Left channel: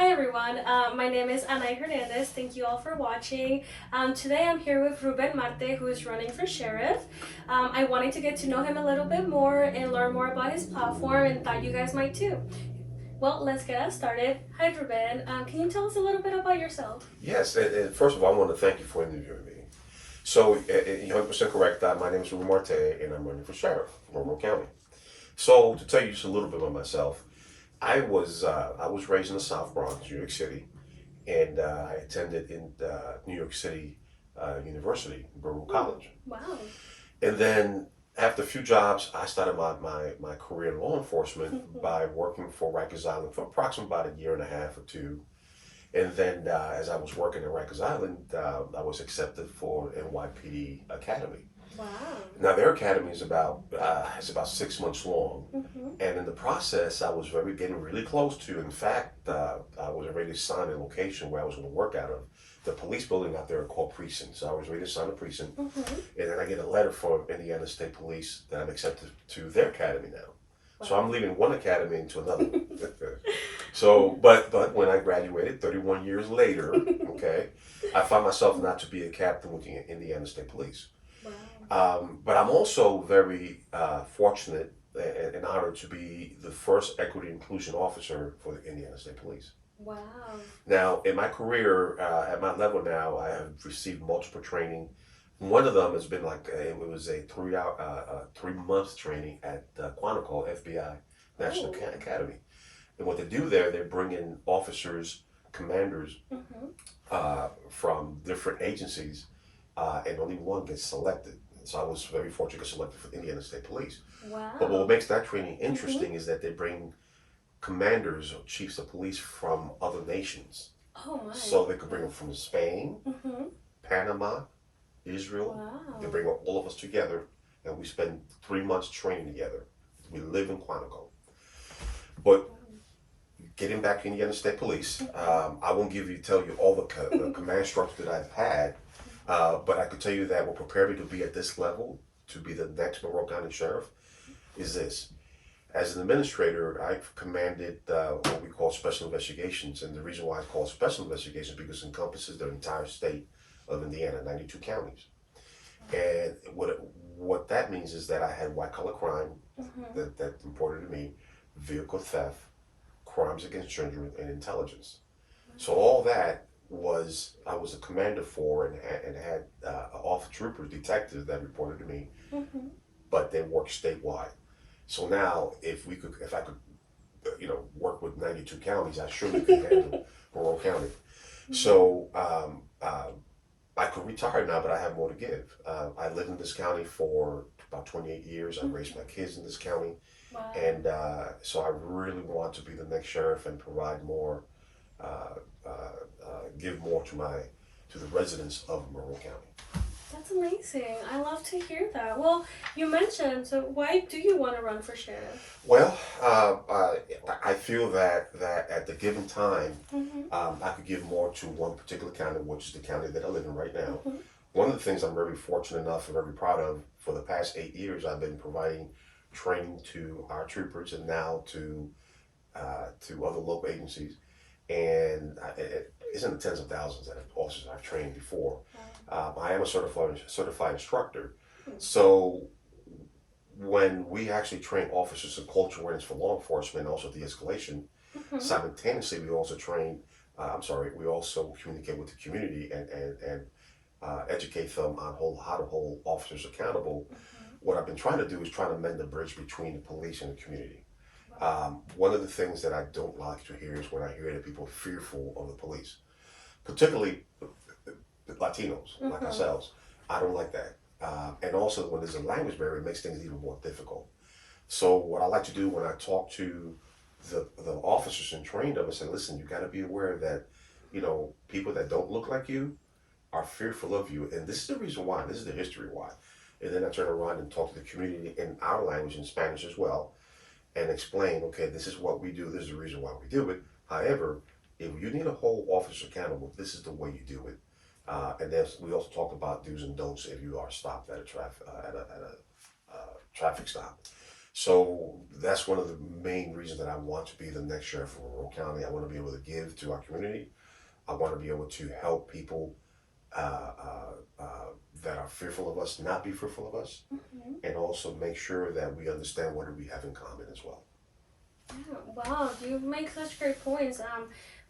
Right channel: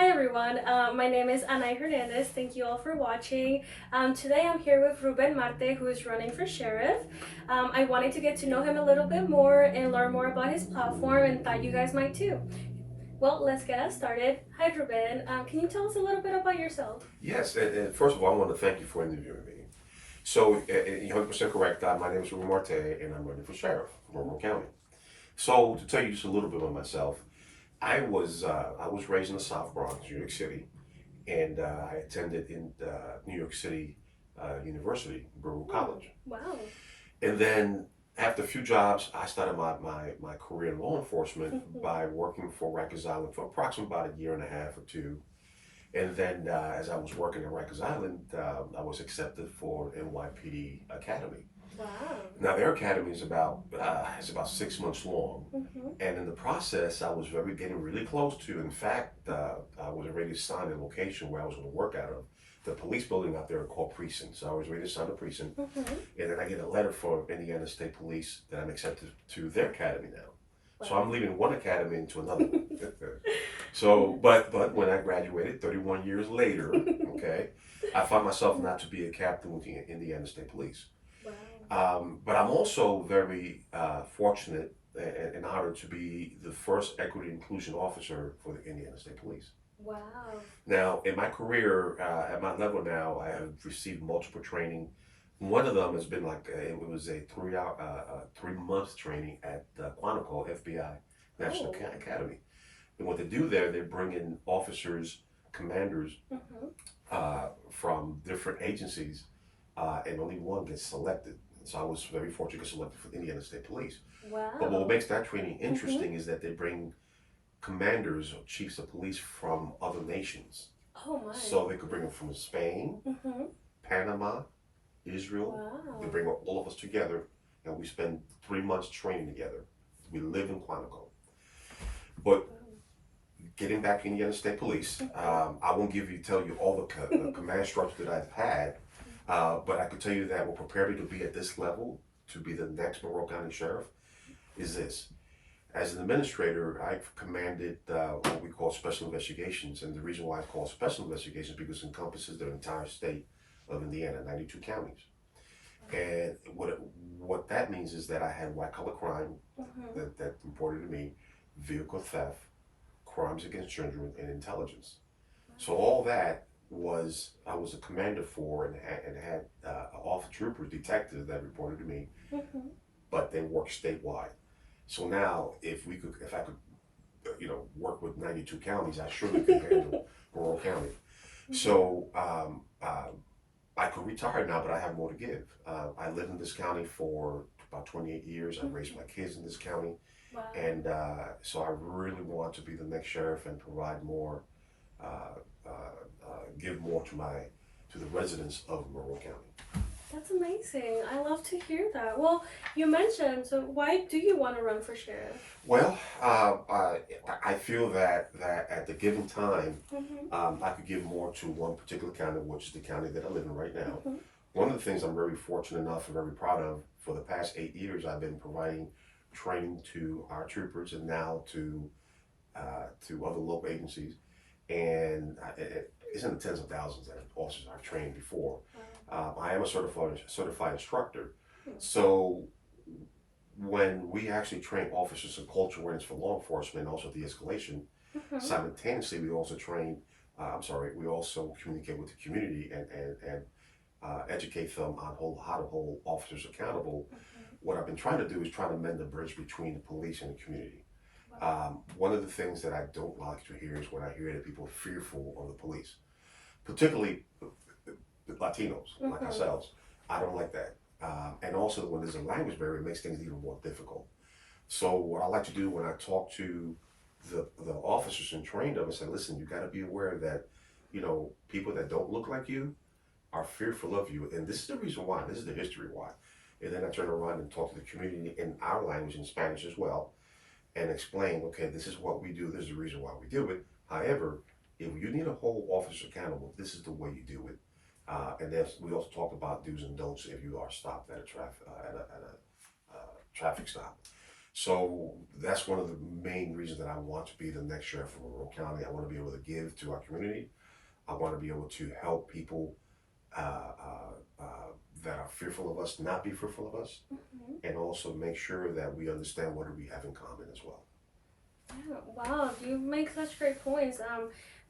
Hi everyone, my name is Anay Hernandez. Thank you all for watching. Today I'm here with Ruben Marte, who is running for sheriff. I wanted to get to know him a little bit more and learn more about his platform, and thought you guys might too. Well, let's get us started. Hi Ruben, can you tell us a little bit about yourself? Yes, and first of all, I want to thank you for interviewing me. So, you're 100% correct. My name is Ruben Marte, and I'm running for sheriff from Monroe County. So, to tell you just a little bit about myself, I was raised in the South Bronx, New York City, and I attended in New York City University, Baruch Oh, College. wow. And then after a few jobs, I started my career in law enforcement by working for Rikers Island for approximately about a year and a half or two. And then as I was working at Rikers Island, I was accepted for NYPD Academy. Wow. Now their academy is about it's about 6 months long, Mm-hmm. and in the process, I was very getting really close to. In fact, I was already assigned a location where I was going to work out of. The police building out there called precinct, so I was ready to sign a precinct, Mm-hmm. and then I get a letter from Indiana State Police that I'm accepted to their academy now. So Wow. I'm leaving one academy into another one. So, but when I graduated, 31 years later, okay, I found myself not to be a captain with the Indiana State Police. Wow. But I'm also very fortunate and honored to be the first equity inclusion officer for the Indiana State Police. Wow. Now, in my career, at my level now, I have received multiple training. One of them has been it was a 3 month training at Quantico FBI National Oh. Academy. And what they do there, they bring in officers, commanders Mm-hmm. from different agencies, and only one gets selected. So I was very fortunate to get selected for the Indiana State Police. But what Wow. makes that training Mm-hmm. interesting is that they bring commanders or chiefs of police from other nations. Oh my. So they could bring them from Spain, Mm-hmm. Panama, Israel. They Wow. bring all of us together, and we spend 3 months training together. We live in Quantico. But getting back in the Indiana State Police, I won't tell you all the command structure that I've had, but I could tell you that what prepared me to be at this level, to be the next Monroe County Sheriff, is this. As an administrator, I've commanded what we call special investigations, and the reason why I call it special investigations is because it encompasses the entire state of Indiana, 92 counties. And what that means is that I had white collar crime Mm-hmm. that reported to me, vehicle theft, crimes against children, and intelligence. So all that I was a commander for, and had off troopers, detectives that reported to me, Mm-hmm. but they work statewide. So now, if I could, work with 92 counties, I surely could handle Monroe County. Mm-hmm. So I could retire now, but I have more to give. I lived in this county for about 28 years. I raised my kids in this county, Wow. and so I really want to be the next sheriff and provide more, give more to the residents of Monroe County. That's amazing. I love to hear that. Well, you mentioned, so why do you want to run for sheriff? Well, I feel that at the given time, Mm-hmm. I could give more to one particular county, which is the county that I live in right now. Mm-hmm. One of the things I'm very fortunate enough and very proud of, for the past 8 years, I've been providing training to our troopers and now to other local agencies, and it's in the tens of thousands of officers I've trained before. I am a certified instructor, so when we actually train officers in cultural awareness for law enforcement and also de-escalation, Mm-hmm. simultaneously we also train. We also communicate with the community and educate them on how to hold officers accountable. Mm-hmm. What I've been trying to do is trying to mend the bridge between the police and the community. Wow. One of the things that I don't like to hear is when I hear that people are fearful of the police, particularly Latinos like Mm-hmm. ourselves. I don't like that. And also, when there's a language barrier, it makes things even more difficult. So, what I like to do when I talk to the officers and train them, I say, listen, you got to be aware that, people that don't look like you are fearful of you. And this is the reason why. This is the history why. And then I turn around and talk to the community in our language, in Spanish as well, and explain, okay, this is what we do. This is the reason why we do it. However, if you need to hold officers accountable, this is the way you do it. And then we also talk about do's and don'ts if you are stopped at a traffic stop. So that's one of the main reasons that I want to be the next sheriff of Monroe County. I want to be able to give to our community. I want to be able to help people that are fearful of us not be fearful of us, and also make sure that we understand what do we have in common as well. Yeah, wow, you make such great points.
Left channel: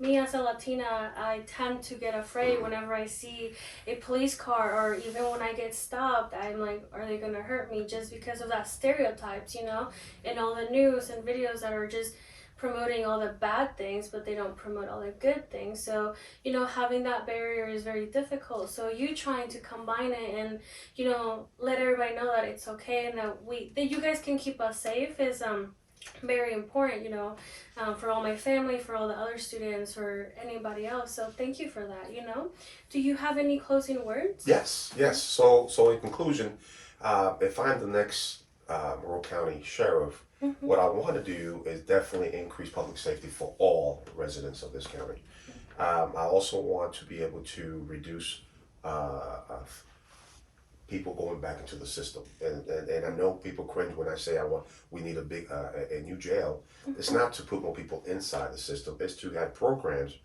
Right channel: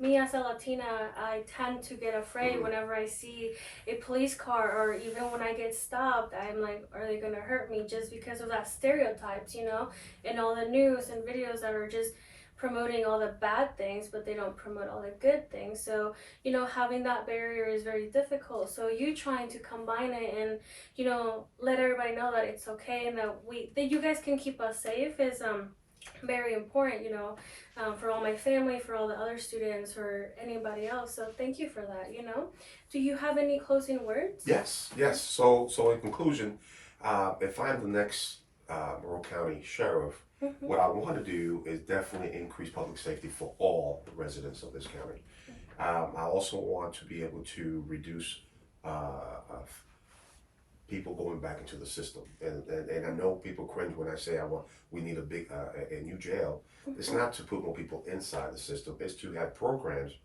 Me as a Latina, I tend to get afraid whenever I see a police car, or even when I get stopped. I'm like, are they gonna hurt me? Just because of that stereotypes, and all the news and videos that are just promoting all the bad things, but they don't promote all the good things. So, having that barrier is very difficult. So you trying to combine it and, let everybody know that it's okay and that you guys can keep us safe is very important, for all my family, for all the other students, or anybody else. So thank you for that. Do you have any closing words? Yes. So in conclusion, if I'm the next Monroe County sheriff, what I want to do is definitely increase public safety for all residents of this county. I also want to be able to reduce people going back into the system. And I know people cringe when I say we need a new jail. It's not to put more people inside the system. It's to have programs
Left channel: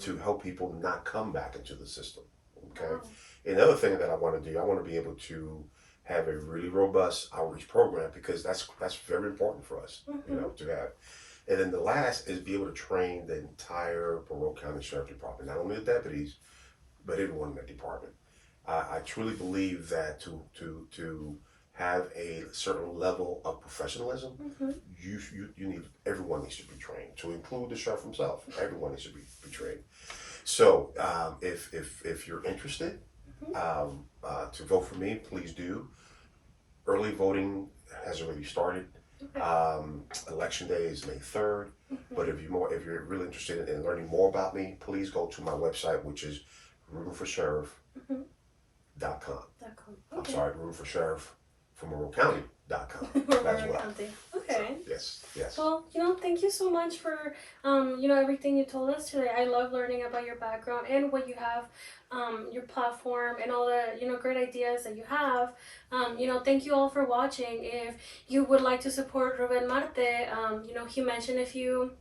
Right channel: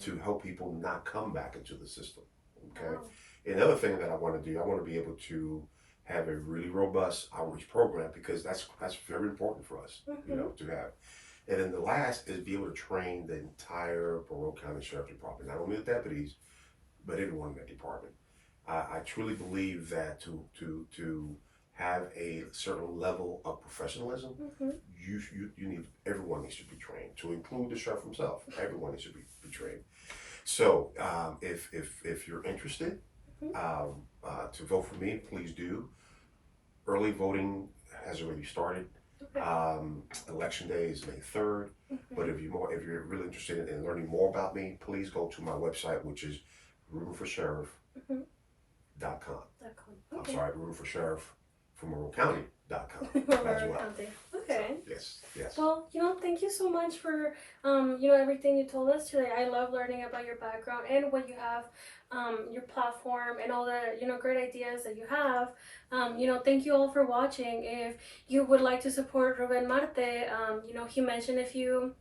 to help people not come back into the system. Okay. Wow. Another thing that I want to do, I want to be able to have a really robust outreach program, because that's very important for us, to have. And then the last is be able to train the entire Monroe County Sheriff Department, not only the deputies, but everyone in that department. I truly believe that to have a certain level of professionalism, you need, everyone needs to be trained, to include the sheriff himself. Everyone needs to be trained. So if you're interested to vote for me, please do. Early voting has already started. Election day is May 3rd. But if you're really interested in learning more about me, please go to my website, which is rubenforsheriff.com. Okay. I'm sorry, Ruben for Sheriff from MonroeCounty.com as well. County. Okay. So, yes. Well, thank you so much for, everything you told us today. I love learning about your background and what you have, your platform and all the, great ideas that you have. Thank you all for watching. If you would like to support Ruben Marte, he mentioned a few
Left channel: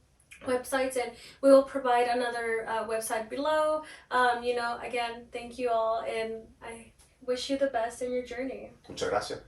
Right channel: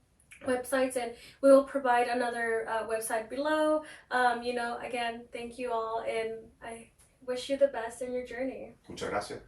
websites, and we will provide another website below. Again, thank you all, and I wish you the best in your journey. Muchas gracias.